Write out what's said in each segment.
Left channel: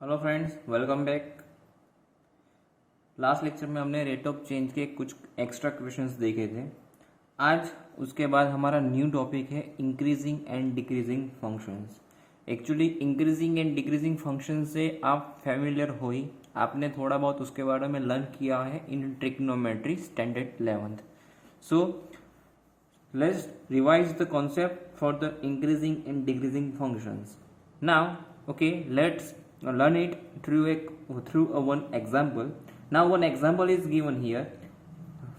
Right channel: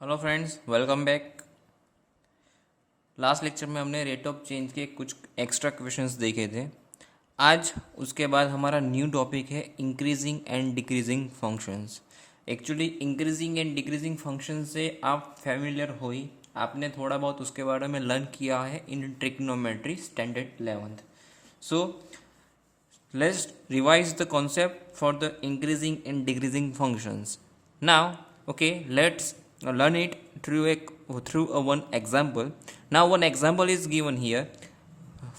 Hello friends, welcome back. Last lecture में हमने rate of change के कुछ एक्स्ट्रा क्वेश्चंस देखे थे। आज उसके बाद हमारा न्यू टॉपिक है increasing and decreasing functions. Actually increasing and decreasing function से आप फैमिलियर हो ही, आपने थोड़ा बहुत उसके बारे में लर्न किया है in trigonometry standard 11th। So let's revise the concept for the increasing and decreasing functions. Now, okay, let's learn it through a one example. Now, one example is given here.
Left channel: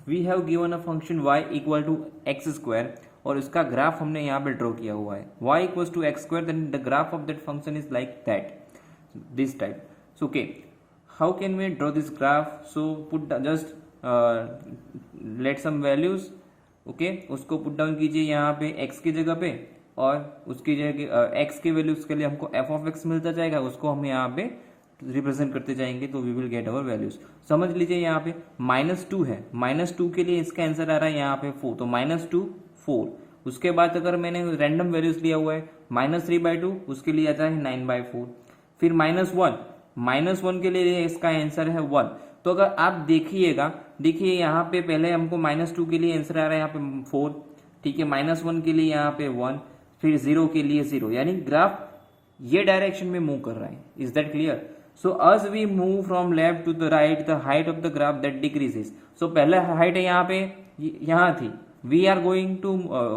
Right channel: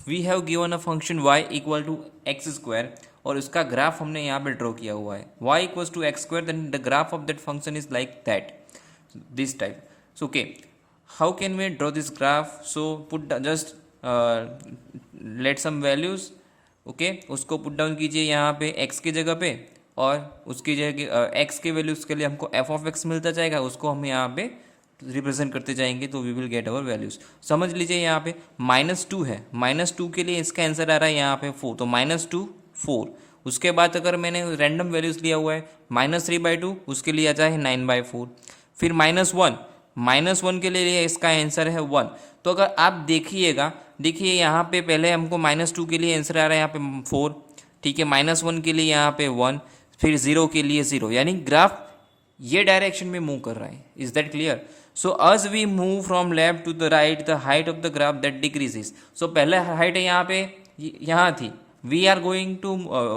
We have given a function y equal to x square और उसका graph हमने यहाँ पे draw किया हुआ है y equals to x square, then the graph of that function is like that, this type. So okay, how can we draw this graph? So put just let some values. Okay उसको put down कीजिए यहाँ पे x की जगह पे, और उसकी जगह x के वैल्यूज़ के लिए हमको f ऑफ x मिलता जाएगा, उसको हम यहाँ पे रिप्रेजेंट करते जाएंगे तो we will get our values. समझ लीजिए यहाँ पे -2 है, -2 के लिए इसका आंसर आ रहा है यहाँ पे 4, तो -2 4। उसके बाद अगर मैंने रैंडम वैल्यूज़ लिया हुआ है -3/2, उसके लिए आता है 9/4। फिर -1 के लिए इसका आंसर है 1। तो अगर आप देखिए यहाँ पे पहले हमको -2 के लिए आंसर आ रहा है यहाँ पे 4, ठीक है, -1 के लिए यहाँ पे 1, फिर 0 के लिए 0, यानी ग्राफ ये डायरेक्शन में मूव कर रहा है। Is that clear? So as we move from left to the right the height of the graph that decreases. So पहले हाइट है यहाँ पे, यहाँ थी, we are going to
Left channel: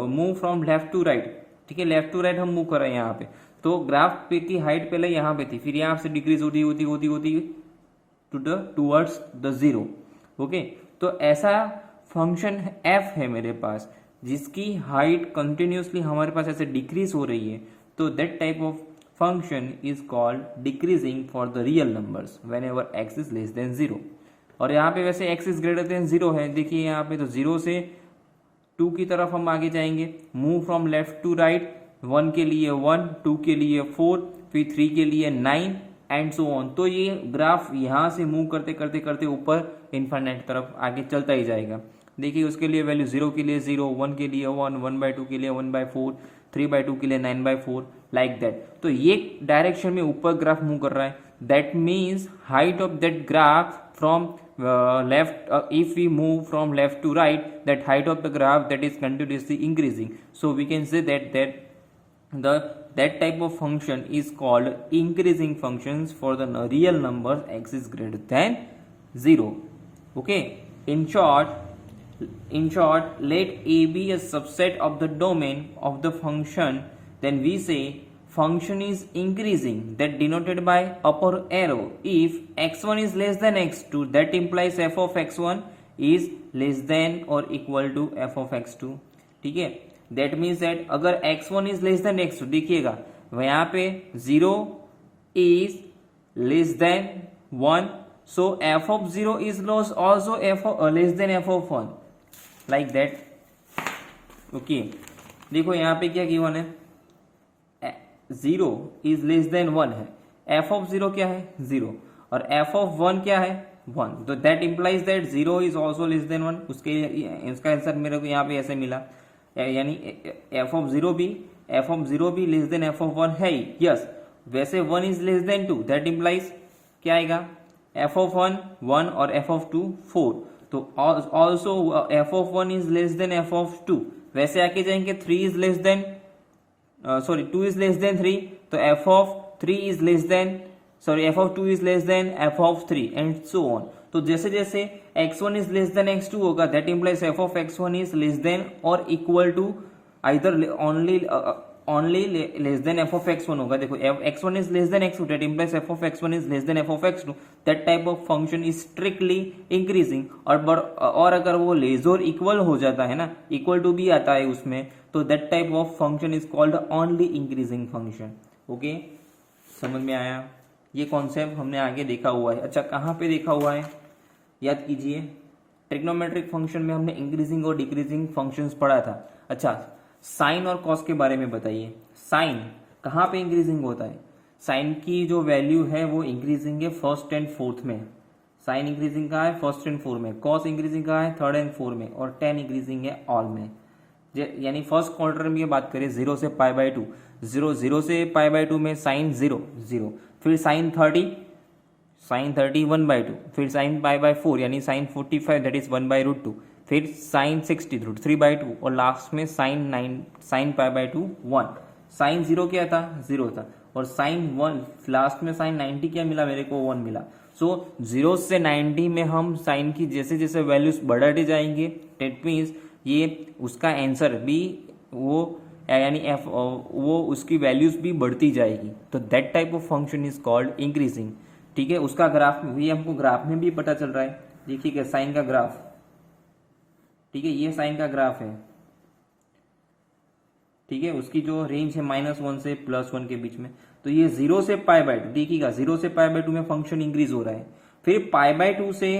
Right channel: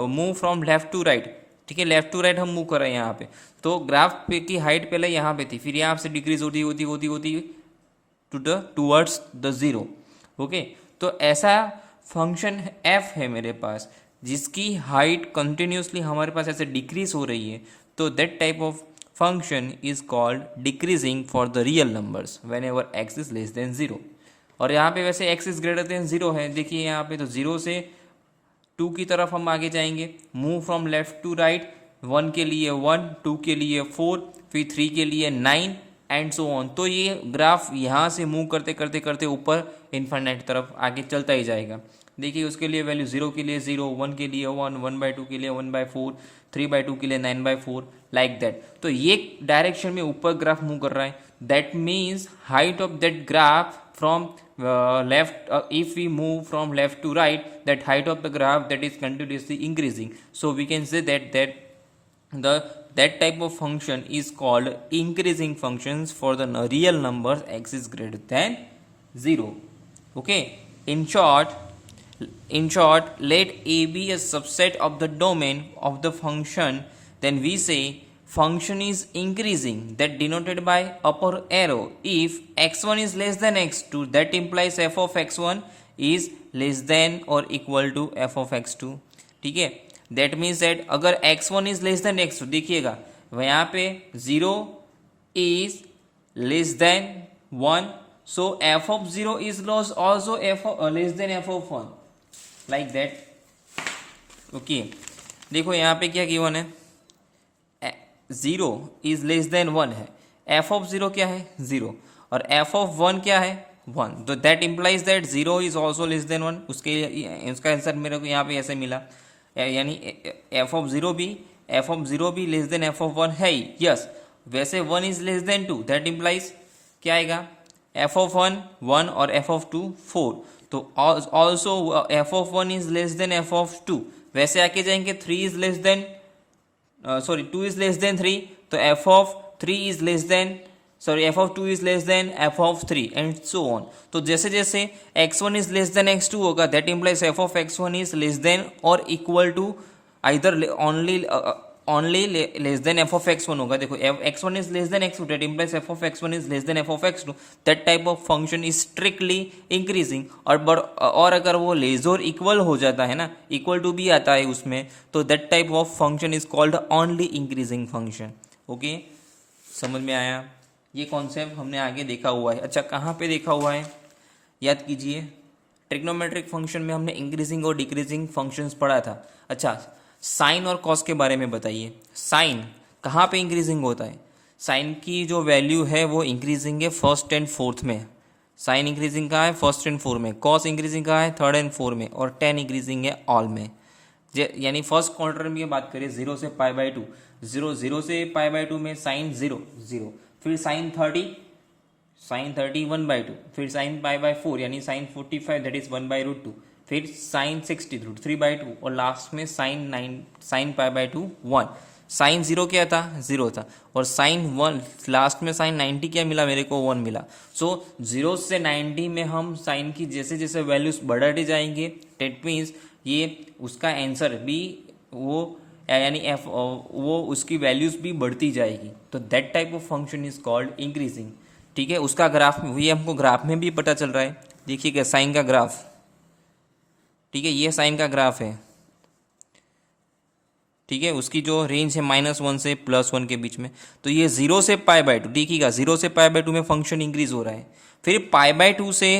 move from left to right, ठीक है, लेफ्ट टू राइट हम move कर रहे हैं यहाँ पे। तो ग्राफ पे की हाइट पहले यहाँ पे थी, फिर यहाँ से डिक्रीज होती टूवर्ड्स द जीरो। ओके, तो ऐसा फंक्शन f है मेरे पास जिसकी हाइट कंटिन्यूसली हमारे पास ऐसे डिक्रीज हो रही है, तो that type of function is called decreasing for the real numbers when ever X is less than 0। और यहाँ पे वैसे x इज ग्रेटर देन 0 है, देखिए यहाँ पे तो 0 से 2 की तरफ हम आगे जाएंगे, move from left to right, 1 के लिए 1, 2 के लिए 4, फिर 3 के लिए 9 एंड सो ऑन। तो ये ग्राफ यहाँ से मूव करते करते करते ऊपर इन्फिनिट तरफ आगे चलता ही जाएगा। देखिए उसके लिए वैल्यू 0 के लिए 0, 1 के लिए 1, 1/2 के लिए 1/4, 3/2 के लिए 9/4, लाइक दैट। तो ये डायरेक्शन में ऊपर ग्राफ मूव कर रहा है। That means height of that graph from left, if we move from left to right, that height of the graph that is continuously increasing. So we can say that type of function is called increasing functions for the real numbers x is greater than 0. Okay, in short, let a be a subset of the domain of the function, then we say function is increasing, that denoted by upper arrow. If x1 is less than x2, that implies f of x1 is less than or equal to f of x2, ठीक है। That means that अगर x1 is less than x2, देखिएगा यहाँ पे 0 is less than 1, so f of 0 is also less than f of 1, like that. Okay, देखो यहाँ पे क्या गिवन है, 0 इज लेस देन 1 है, f of 0 क्या है 0, और f of 1 क्या है 1, तो that implies that 0 is also less than 1। उसका आंसर मेरे को यहाँ पे ऐसे मिला, यानी f of 0 भी लेस देन f of 1 है ही, यस। वैसे 1 is less then 2, that implies क्या आएगा, f of 1 और f of 2 4, तो also f of 1 is less then f of 2। वैसे आके जाएंगे 3 is less then 2 is less than 3, तो f of 3 is less than f of 2 is less than f of 3 and so on। तो जैसे जैसे x1 is less than x2 होगा, that implies f of x1 is less than or equal to either only less than f of x1 होगा। देखो x1 is less than x2, that implies f of x1 is less than f of x2, that type of function is strictly increasing। और अगर वो less और equal हो जाता है ना, इक्वल टू भी आता है उसमें, तो that type of function is called only increasing function। Okay, समझ में आया? ये कॉन्सेप्ट हमने आगे देखा हुआ है। अच्छा, कहाँ पे देखा हुआ है याद कीजिए, ट्रिग्नोमेट्रिक फंक्शन में हमने इंक्रीजिंग और डिक्रीजिंग फंक्शंस पढ़ा था। अच्छा, साइन और कॉस के बारे में बताइए। साइन कहाँ पे इंक्रीजिंग होता है? साइन की जो वैल्यू है वो इंक्रीजिंग है फर्स्ट एंड फोर्थ में। साइन इंक्रीजिंग कहाँ है? फर्स्ट एंड फोर्थ में। कॉस इंक्रीजिंग कहाँ है? थर्ड एंड फोर्थ में। और टेन इंक्रीजिंग है ऑल में। यानी फर्स्ट क्वार्टर में बात करें 0 से π/2, 0 से π/2 में साइन 0 0, फिर साइन थर्टी 1/2, फिर साइन पाई/4 यानी साइन 45 दैट इज 1/√2, फिर साइन 60 √3/2 और लास्ट में साइन पाई/2 1। साइन 0 क्या था, 0 था, और साइन 1 लास्ट में साइन 90 क्या मिला मेरे को, 1 मिला। सो 0 से 90 में हम साइन की जैसे जैसे वैल्यूज बढ़ाते जाएंगे, डेट मीन्स ये उसका आंसर भी वो यानी एफ वो उसकी वैल्यूज भी बढ़ती जाएगी। तो that type of function is called increasing. ठीक है, उसका ग्राफ में ये हमको ग्राफ में भी पता चल रहा है। देखिएगा साइन का ग्राफ, ठीक है, ये साइन का ग्राफ है। ठीक है, उसकी जो रेंज है -1 से +1 के बीच में। तो ये 0 से π/2, देखिएगा 0 से π/2 में फंक्शन इंक्रीज हो रहा है। फिर π/2 से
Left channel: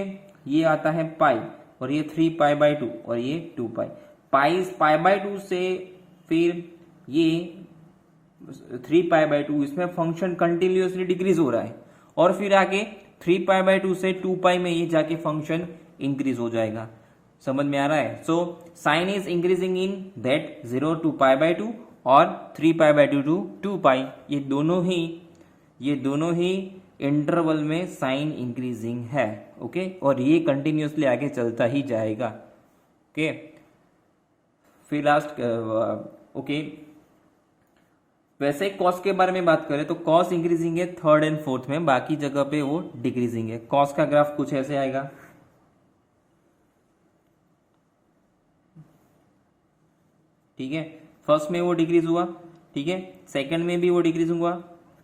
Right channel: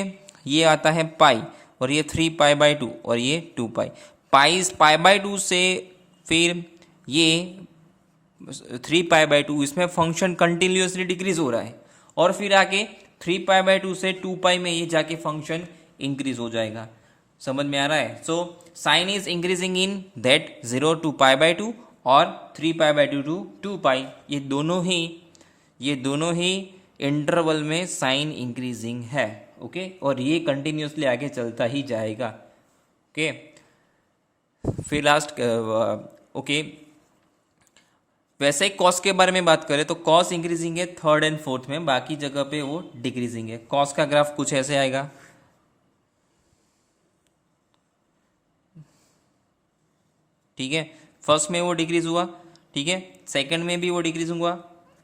ये आता है पाई, और ये 3π/2 और ये 2π। π/2 से फिर ये 3π/2, इसमें फंक्शन कंटिन्यूसली डिक्रीज हो रहा है, और फिर आगे 3π/2 से 2π में ये जाके फंक्शन इंक्रीज हो जाएगा। समझ में आ रहा है? So sine is increasing in that 0 to π/2 और 3π/2 to 2π। ये दोनों ही इंटरवल में साइन इंक्रीजिंग है। ओके, और ये कंटिन्यूसली आगे चलता ही जाएगा। ओके, फिर लास्ट ओके, वैसे ही कॉस के बारे में बात करें तो कॉस इंक्रीजिंग है 3rd and 4th में, बाकी जगह पे वो डिक्रीजिंग है। कॉस का ग्राफ कुछ ऐसे आएगा, ठीक है, फर्स्ट में वो डिक्रीज हुआ, ठीक है, सेकंड में भी वो डिक्रीज हुआ,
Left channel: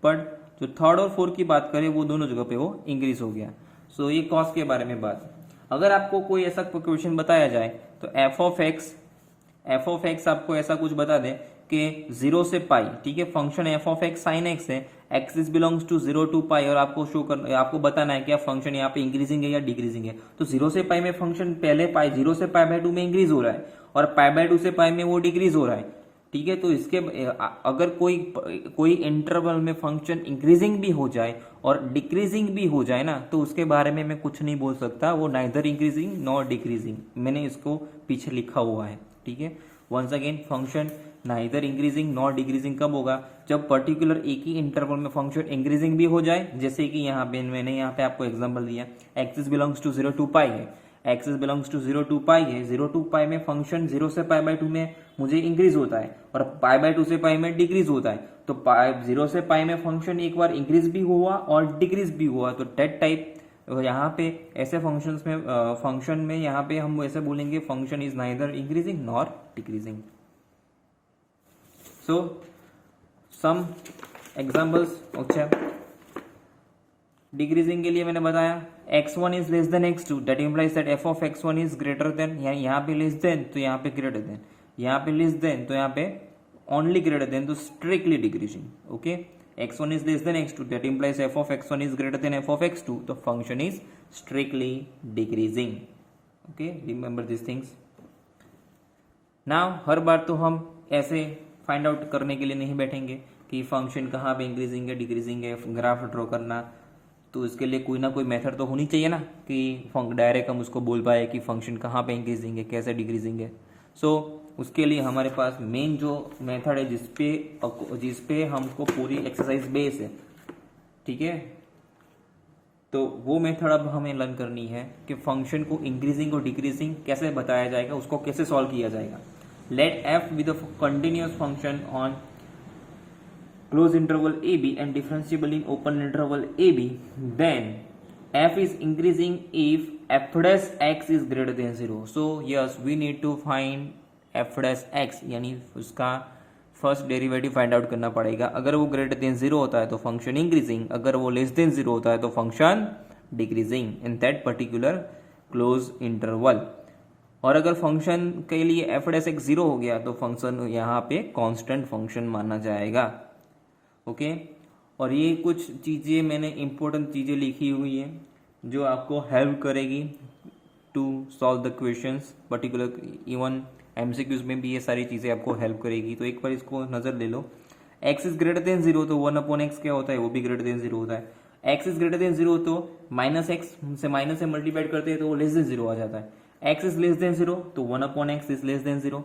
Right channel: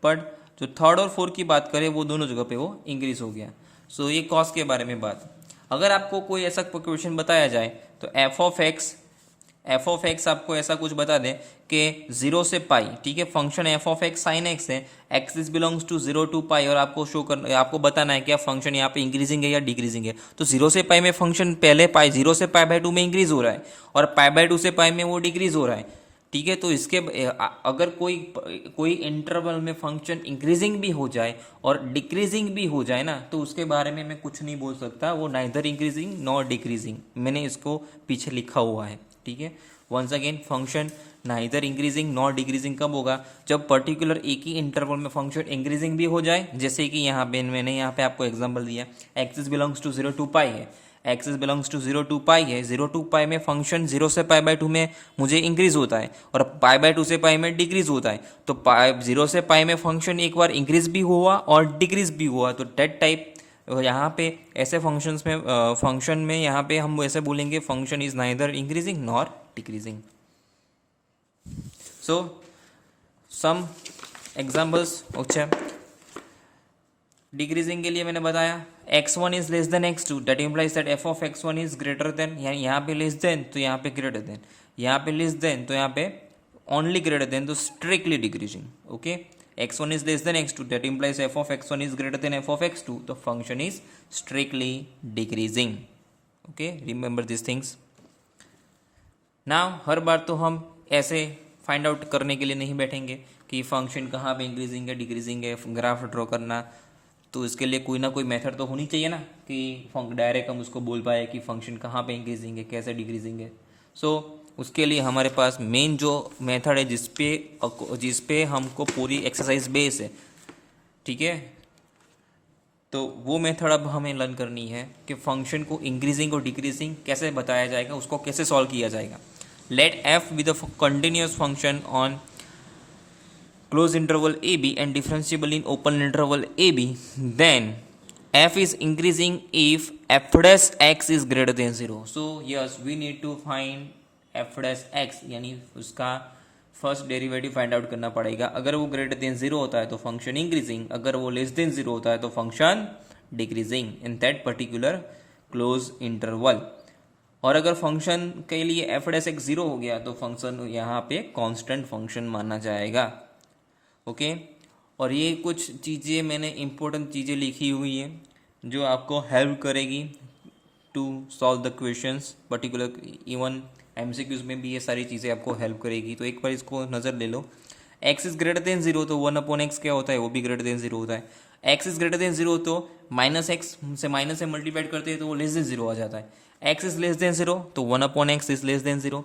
बट जो 3rd और 4th की बात करें वो दोनों जगह पे वो इंक्रीज हो गया। सो ये कॉस के बारे में बात। अगर आपको कोई ऐसा क्वेश्चन बताया जाए तो एफ ऑफ एक्स आपको ऐसा कुछ बता दें कि 0 से पाई, ठीक है, function f of x sine x है, x is belongs to 0 to pi, और आपको बताना है कि फंक्शन यहाँ पे इंक्रीजिंग है या डिक्रीजिंग है। तो 0 से पाई में फंक्शन पहले पाई 0 से π/2 में इंक्रीज हो रहा है, और π/2 से पाई में वो डिक्रीज हो रहा है। ठीक है, तो इसके अगर कोई इंटरवल में फंक्शन इंक्रीजिंग भी हो जाए और डिक्रीजिंग भी हो जाए ना, तो उसके बारे में मैं कुछ नहीं बोल सकता, वो नाइदर इंक्रीजिंग नॉर डिक्रीजिंग। मैंने इसको पीछे लिखा हुआ है। ठीक है, once again function neither increasing nor decreasing कब होगा, जब पर्टिकुलर एक ही इंटरवल में फंक्शन इंक्रीजिंग भी हो जाए, जैसे कि यहाँ पे मैंने यहाँ पे आपको एग्जांपल दिया, एक्सिस बिलोंग्स टू 0 to पाई है, एक्सिस बिलोंग्स टू 0 to पाई है, 0 to पाई में फंक्शन 0 से π/2 में मुझे इंक्रीज होता है और π/2 से पाई में डिक्रीज होता है। तो 0 से पाई में फंक्शन एक बार इंक्रीज भी हुआ और डिक्रीज भी हुआ, तो डेट टाइप यहाँ पे ऐसे फंक्शन में यहाँ पे हम ऐसे बोलेंगे function is neither increasing nor decreasing. So some examples. अच्छा, डिक्रीजिंग के लिए मैंने बताया x1 is less than x2, that implies that f of x1 is greater than, यानी यहाँ पे लेस देन तो यहाँ पे ग्रेटर देन, यहाँ पे लेस देन तो यहाँ पे ओनली ग्रेटर देन, तो strictly decreasing. Okay, x1 is less than x2, that implies f of x1 is greater than f of x2, the function is strictly decreasing. Okay, remember these things. Now हर बार तो हम ऐसे find out करने के लिए नहीं बैठेंगे कि function कहाँ पे इंक्रीजिंग है डिक्रीजिंग है, ग्राफ ड्रॉ करना, तो इसके लिए कोई ना कोई मेथड तो होनी चाहिए ना कि डायरेक्ट हम उसको बोल पाए कि फंक्शन कहाँ पे इंक्रीजिंग है कैसे डिक्रीजिंग है। सो उसके लिए हमारे पास मेन जो मेथड है जिस पे हमको पूरी एक्सरसाइज बेस है, ठीक है, तो वो मेथड अब हमें लर्न करनी है कि फंक्शन को इंक्रीजिंग और डिक्रीजिंग कैसे बताया जाएगा, उसको कैसे सॉल्व किया जाएगा। Let F be the continuous function on close interval A B and differentiable in open interval A B, then f is increasing if f dash x is greater than 0. So yes, we need to find f dash x, यानी उसका first derivative find out करना पड़ेगा। अगर वो greater than 0 होता है तो function increasing, अगर वो लेस देन 0 होता है तो function decreasing in that particular close interval. और अगर फंक्शन के लिए f dash x 0 हो गया तो फंक्शन यहाँ पे कांस्टेंट फंक्शन माना जाएगा। ओके, और ये कुछ चीज़ें मैंने इम्पोर्टेंट चीज़ें लिखी हुई हैं जो आपको हेल्प करेगी to solve the questions, particular even MCQs में भी ये सारी चीज़ें आपको हेल्प करेगी। तो एक बार इसको नज़र ले लो। x इज़ ग्रेटर देन 0 तो 1/x क्या होता है, वो भी ग्रेटर देन 0 होता है। x इज़ ग्रेटर देन 0 तो -x से माइनस से मल्टीप्लाइड करते हैं तो वो लेस देन 0 आ जाता है। x इज़ लेस देन 0 तो 1/x इज़ लेस देन 0।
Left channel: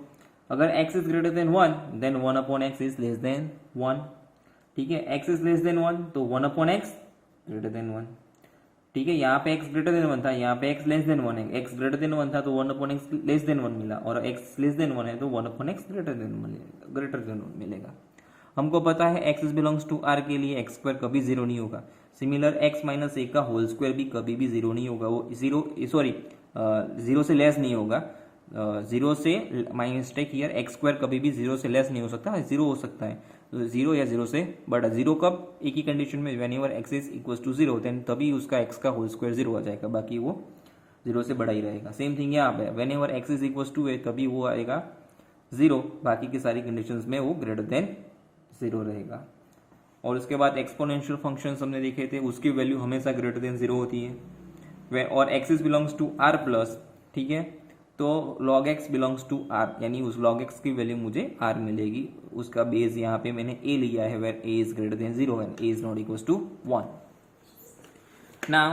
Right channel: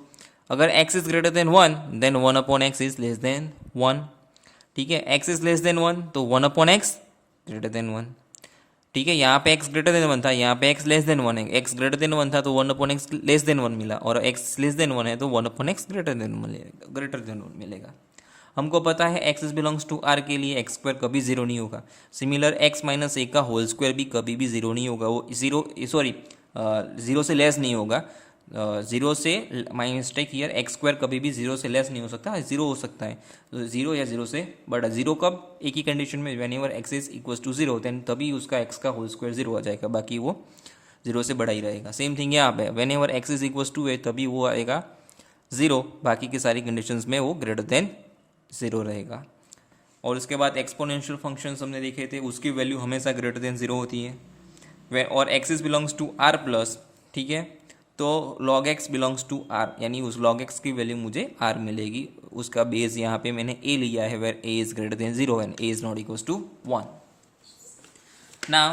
अगर x is greater than 1 then 1/x is less than 1। ठीक है, x इज लेस देन 1 तो 1 अपॉन एक्स ग्रेटर देन 1। ठीक है, यहाँ पे x ग्रेटर देन 1 था, यहाँ पे x लेस देन 1 है, x ग्रेटर देन 1 था तो 1 अपॉन एक्स लेस देन 1 मिला, और x लेस देन 1 है तो 1 अपॉन एक्स ग्रेटर देन 1 मिलेगा। हमको पता है x is belongs to r के लिए एक्स स्क्वायर कभी जीरो नहीं होगा। सिमिलर x माइनस ए का होल स्क्वायर भी कभी भी जीरो नहीं होगा, वो जीरो से लेस नहीं होगा। जीरो से my mistake here, x square कभी भी जीरो से लेस नहीं हो सकता, जीरो हो सकता है जीरो या जीरो से बड़ा। जीरो कब, एक ही कंडीशन में, whenever X is equal to zero, then तभी उसका एक्स का होल स्क्वायर जीरो आ जाएगा, बाकी वो जीरो से बड़ा ही रहेगा। सेम थिंग यहाँ पे, whenever X is equal to है तभी वो आएगा जीरो, बाकी की सारी कंडीशंस में वो ग्रेटर देन जीरो रहेगा। और उसके बाद एक्सपोनेंशियल फंक्शंस हमने देखे थे, उसकी वैल्यू हमेशा ग्रेटर देन जीरो होती है। और X is belongs to R plus, ठीक है, तो log x belongs to r, यानी उस log x की वैल्यू मुझे r मिलेगी। उसका बेस यहाँ पे मैंने a लिया है, where a is greater than 0 and a is not equals to 1। ना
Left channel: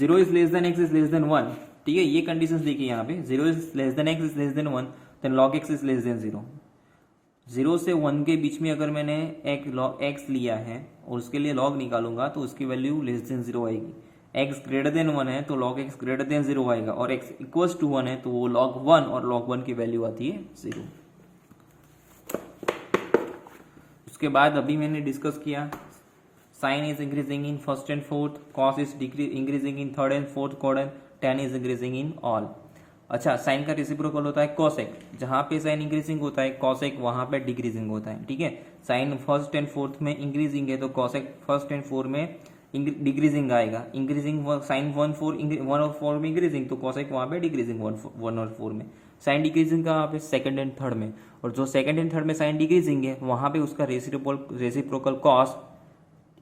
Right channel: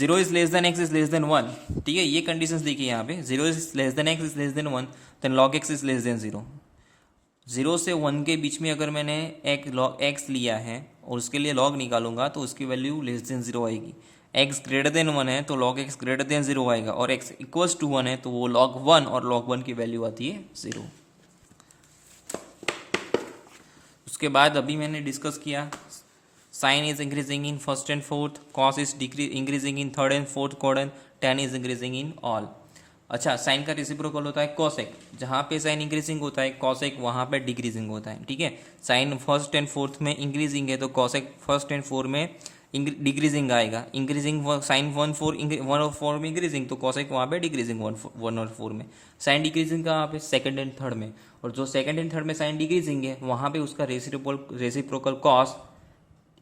0 is less than x is less than 1, ठीक है, ये कंडीशंस देखिए यहाँ पे, 0 is less than x is less than 1, then log x is less than 0। 0 से 1 के बीच में अगर मैंने एक log x लिया है और उसके लिए log निकालूंगा तो उसकी वैल्यू लेस देन 0 आएगी। x ग्रेटर देन 1 है तो log x ग्रेटर देन 0 आएगा, और x इक्वल्स टू 1 है तो वो log 1, और log 1 की वैल्यू आती है 0। उसके बाद अभी मैंने डिस्कस किया, sine is increasing in first and fourth, cos is increasing in third and fourth quadrant, tan is increasing in all. अच्छा, साइन का रेसिप्रोकल होता है कॉसेक, जहाँ पे साइन इंक्रीजिंग होता है कॉसेक वहाँ पे डिक्रीजिंग होता है। ठीक है, साइन फर्स्ट एंड फोर्थ में इंक्रीजिंग है तो कॉसेक फर्स्ट एंड फोर्थ में डिक्रीजिंग आएगा। इंक्रीजिंग साइन 1 और 4 में इंक्रीजिंग तो कॉसेक वहाँ पे डिक्रीजिंग 1 और 4 में। साइन डिक्रीजिंग कहाँ पे, सेकंड एंड थर्ड में, और जो सेकंड एंड थर्ड में साइन डिक्रीजिंग है वहाँ पे उसका रेसिप्रोकल कॉस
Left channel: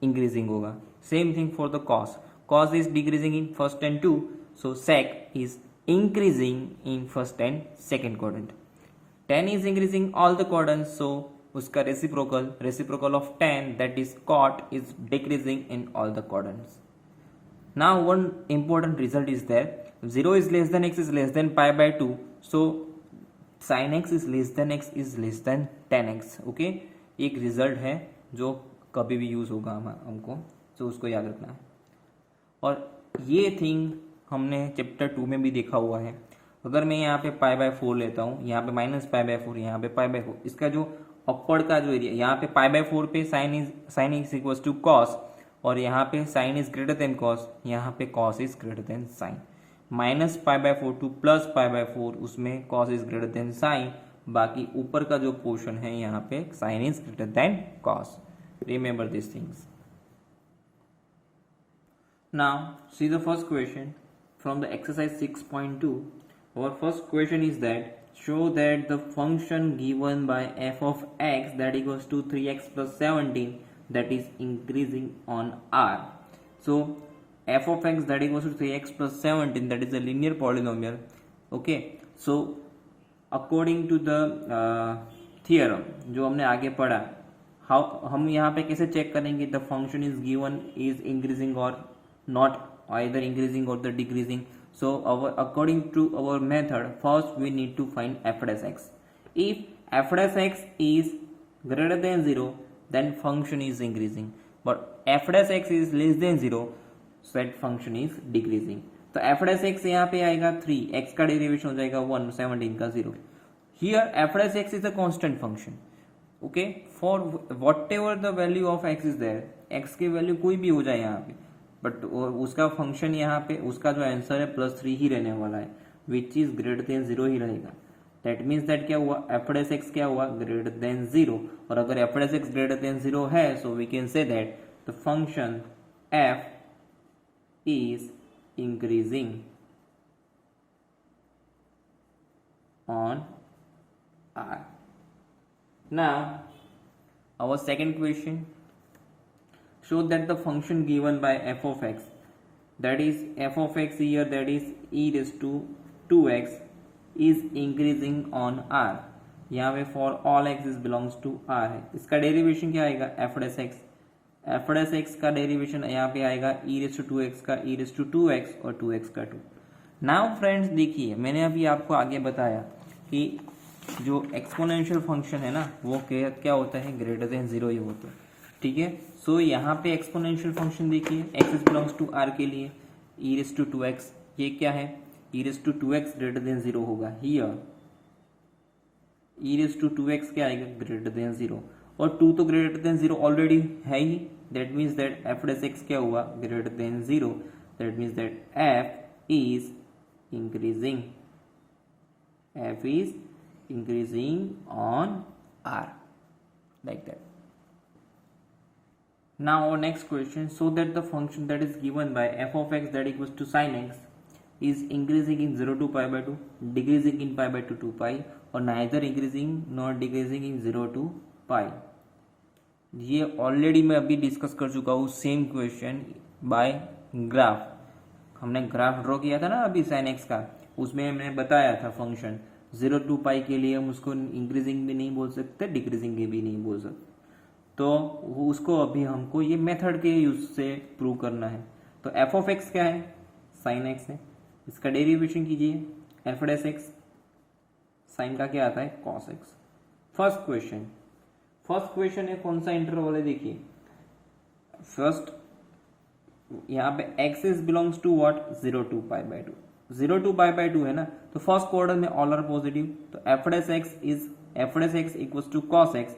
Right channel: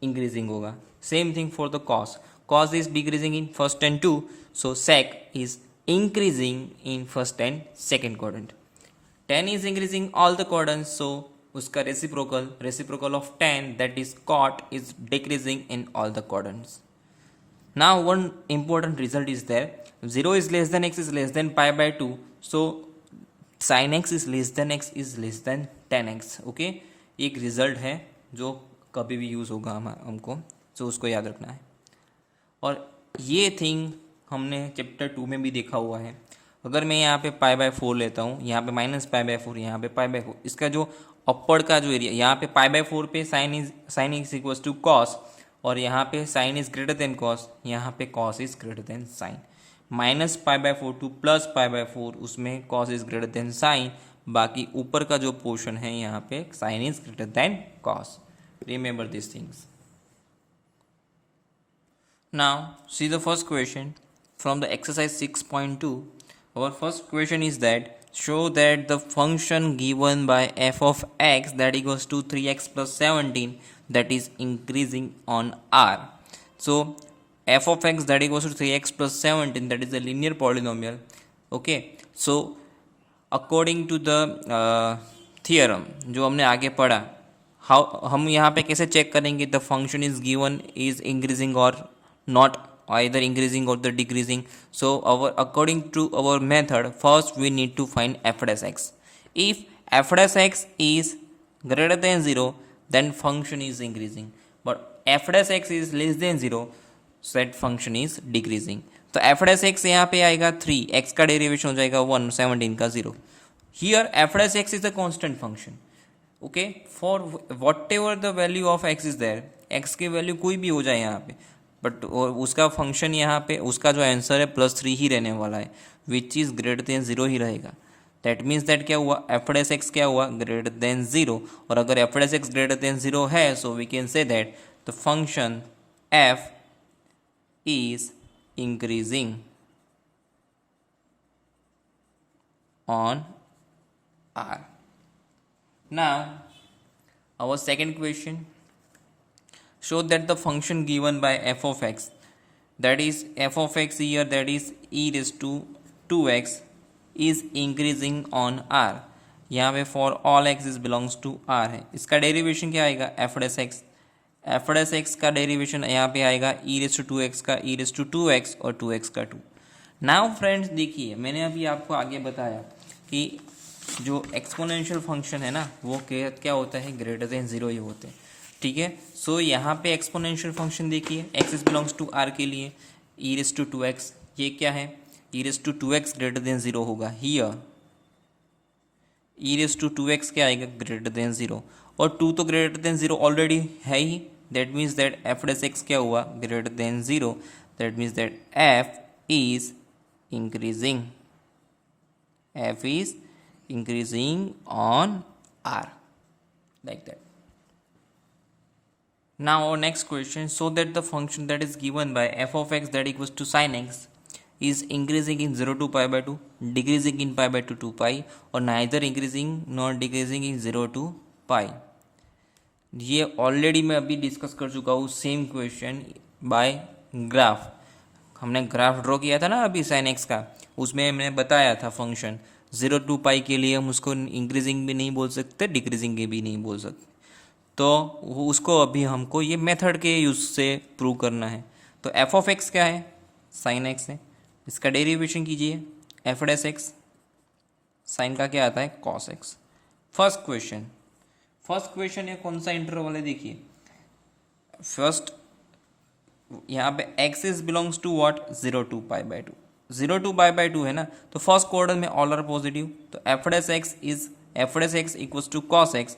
इंक्रीजिंग होगा। Same thing for the cos, cos is decreasing in first and two, so sec is increasing in first and second quadrant. Tan is increasing all the quadrants, so उसका reciprocal of tan, that is cot, is decreasing in all the quadrants. Now one important result is there, 0 is less than x is less than pi by 2, so sin x is less than x is less than tan x. okay, एक result है जो कभी भी use होगा हमको, तो उसको याद रखना है। और ये थिंग हमने चैप्टर 2 में भी देखा हुआ है। अगर मैं यहाँ पे पाई बाय 4 लेता हूँ, यहाँ पे माइनस पाई बाय 4, यहाँ पे पाई बाय 4, इसका जो अपर का जो एरिया, यहाँ पे पाई बाय 4 पे sine is equals to cos, और यहाँ पे sine is greater than cos, यहाँ पे cos is greater than sine. Minus pi by 4 to plus pi by 4, उसमें cos is greater than sine, बाकी ऊपर का जो पोर्शन है यहाँ पे sine is greater than cos. Remember this things. Now see the first question from the exercise 6.2. Our first question is that show that the function given by f of x that equals to 3x plus 17 that is increasing on r. So f of x that equals to 3x plus 17, that is a linear polynomial. Okay, so according to the theorem जो हमने आगे पढ़ा, how हम यहाँ पे कैसे check करेंगे the function is given is increasing or not, either increasing or the decreasing. So according to our method, first we need to find f dash x. If f dash x is greater than 0, then function is increasing, but f dash x is less than 0, so that function is decreasing. तो f dash x यहाँ पे आएगा 3, x का derivation हो जाएगा 1, 17 का 0. Here f dash x is a constant function. Okay, for whatever the value of x is there, x की value कोई भी हो जाए यहाँ पे, बट उसका फंक्शन यहाँ पे उसका जो आंसर है +3 ही रहने वाला है, विच इज़ ग्रेटर देन 0 ही रहेगा। दैट मीन्स दैट क्या हुआ, एफ डैश एक्स क्या हुआ, ग्रेटर देन 0। और अगर f dash x greater than 0 है, so we can say that the function f is increasing on R. Now our second question, show that the function given by f of x, that is f of x here, that is e raised to 2x, is increasing on r. यहाँ पे for all x is belongs to r है। इसका derivation क्या आएगा, f dash x, f dash x का derivation यहाँ पे आएगा e raised to 2x का e raised to 2x और 2x का 2। नाउ फ्रेंड्स देखिए, मैंने अभी आपको आगे बताया कि जो एक्सपोनेंशियल फंक्शन है ना, वो क्या होता है, ग्रेटर देन 0 ही होता है। ठीक है। सो यहाँ पे एक्सपोनेंशियल फंक्शन देखिए, x is belongs to R के लिए ई रेस टू 2x, ये क्या है, e raise to 2x greater than 0 होगा। Here E raise to 2x क्या आएगा, ग्रेटर देन 0, और 2 तो ग्रेटर देन 0 ऑलरेडी है ही, that means that f dash x क्या हुआ, greater than 0, that means that f is increasing, f is increasing on r, like that. Now our next question, so that the function that is given by f of x that equals to sin x is increasing in 0 to pi by 2, decreasing in pi by 2 to pi, or neither increasing nor decreasing in 0 to pi. ये already मैं अभी discuss कर चुका हूँ same question by graph. हमने graph draw किया था ना अभी साइन एक्स का, उसमें हमने बताया था फंक्शन 0 टू पाई के लिए हम उसको इंक्रीजिंग भी नहीं बोल सकते, डिक्रीजिंग के भी नहीं बोल सकते, तो उसको अभी हमको ये मेथड के यूज से प्रूव करना है। तो एफ ऑफ एक्स क्या है, साइन एक्स है, इसका डेरिवेशन कीजिए, एफ डेस एक्स, साइन का क्या आता है, कॉस एक्स। फर्स्ट क्वेश्चन है कौन सा इंटरवल है, देखिए फर्स्ट यहाँ पे x is belongs to what, 0 to pi by 2, 0 to pi by 2 है ना, तो फर्स्ट क्वाड्रेंट में ऑल आर पॉजिटिव, तो f dash x equals to cos x,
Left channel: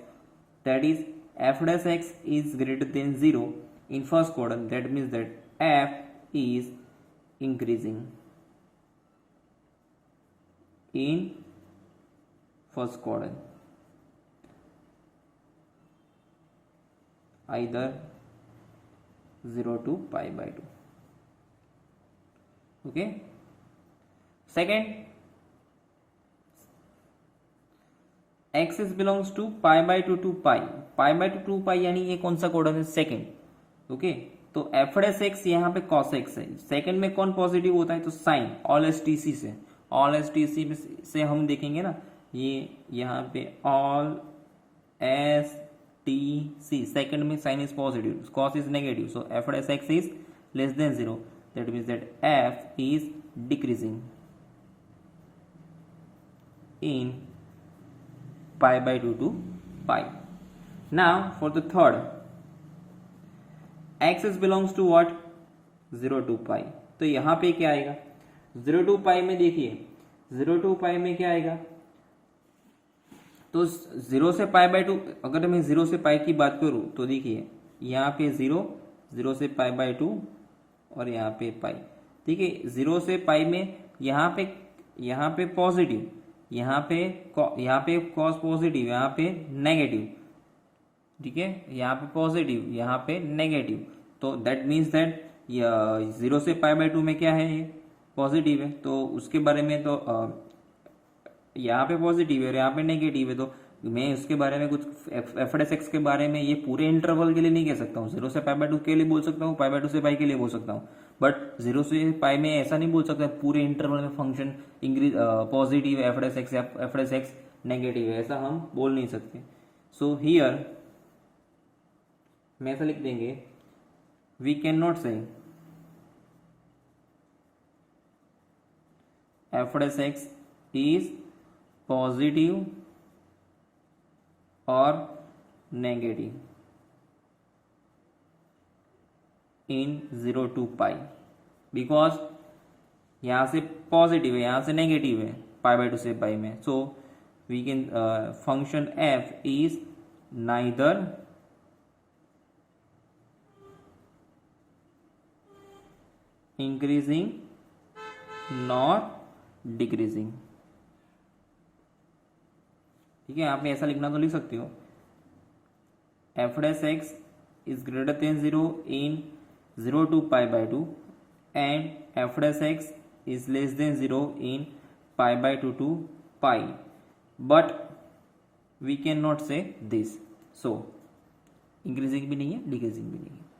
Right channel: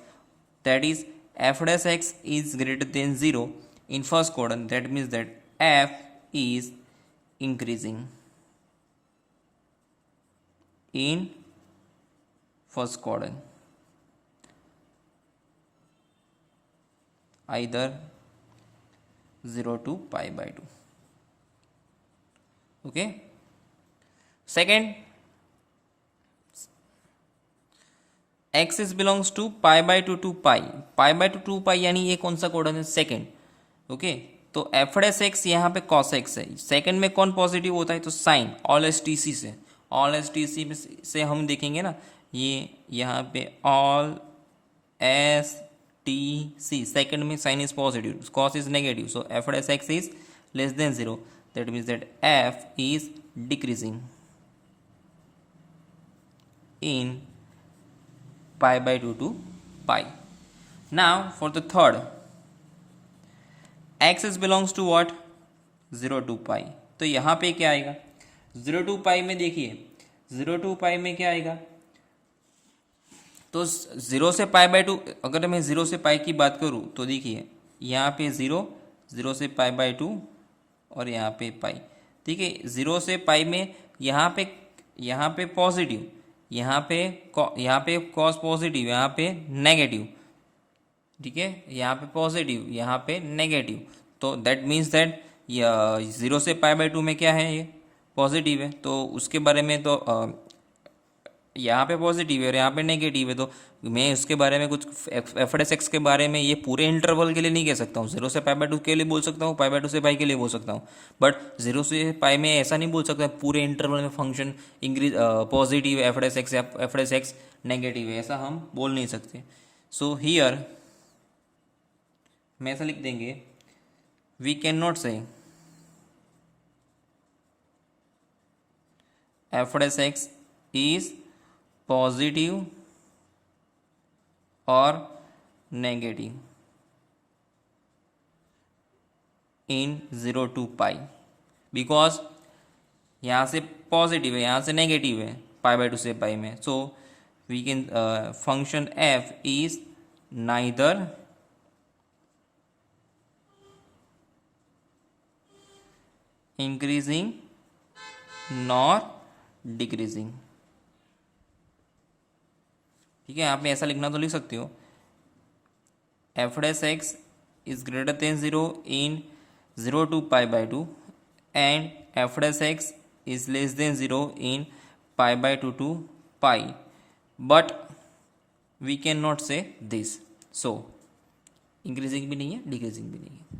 that is f dash x is greater than 0 in first quadrant, that means that f is increasing in first quadrant, either 0 to pi by 2. Okay. Second, x is belongs to pi by 2 to pi by 2 to pi यानी ये कौन सा code है, second. Okay, तो f dash x यहाँ पे cos x है, second में कौन पॉजिटिव होता है, तो sine, all S T C से, ऑल एस टी सी से हम देखेंगे ना, ये यहाँ पे all S T C, second में sine is positive, cos is negative, so f dash x is less than 0, that means that f is decreasing in pi by 2 to pi. Now for the third, x is belongs to what, 0 to pi, तो यहाँ पे क्या आएगा, 0 to pi में देखिए, 0 to pi में क्या आएगा, तो 0 से पाई बाई 2, अगर मैं 0 से पाई की बात करूँ तो देखिए यहाँ पे 0, 0 से पाई बाई 2 और यहाँ पे पाई, ठीक है। 0 से पाई में यहाँ पे पॉजिटिव, यहाँ पे कॉस पॉजिटिव, यहाँ पे नेगेटिव, ठीक है, यहाँ पे पॉजिटिव, यहाँ पे नेगेटिव, तो दैट मीन्स दैट 0 से पाई बाई 2 में क्या है, ये पॉजिटिव है, तो उसके बारे में तो यहाँ पे पॉजिटिव है और यहाँ पे नेगेटिव है, तो मैं उसके बारे में कुछ एफ डेस एक्स के बारे में ये पूरे इंटरवल के लिए नहीं कह सकता हूँ। 0 से पाई बाई 2 के लिए बोल सकता हूँ, पाई बाई 2 से पाई के लिए बोल सकता हूँ, बट 0 से पाई में ऐसा नहीं बोल सकता पूरे इंटरवल में function increase positive F dash x या एफ डेस एक्स नेगेटिव है, ऐसा हम बोल नहीं सकते। सो हियर मैं ऐसा लिख देंगे, we can not say f dash x is positive और negative in 0 to pi, because यहाँ से पॉजिटिव है, यहाँ से नेगेटिव है पाई बाई 2 से पाई में, so we can function f is neither increasing nor decreasing, ठीक है। आप ऐसा लिखना तो लिख सकते हो, f dash x is greater than 0 in 0 to pi by 2 and f dash x is less than 0 in pi by 2 to pi, but we can not say this, so increasing भी नहीं है, डिक्रीजिंग भी नहीं है।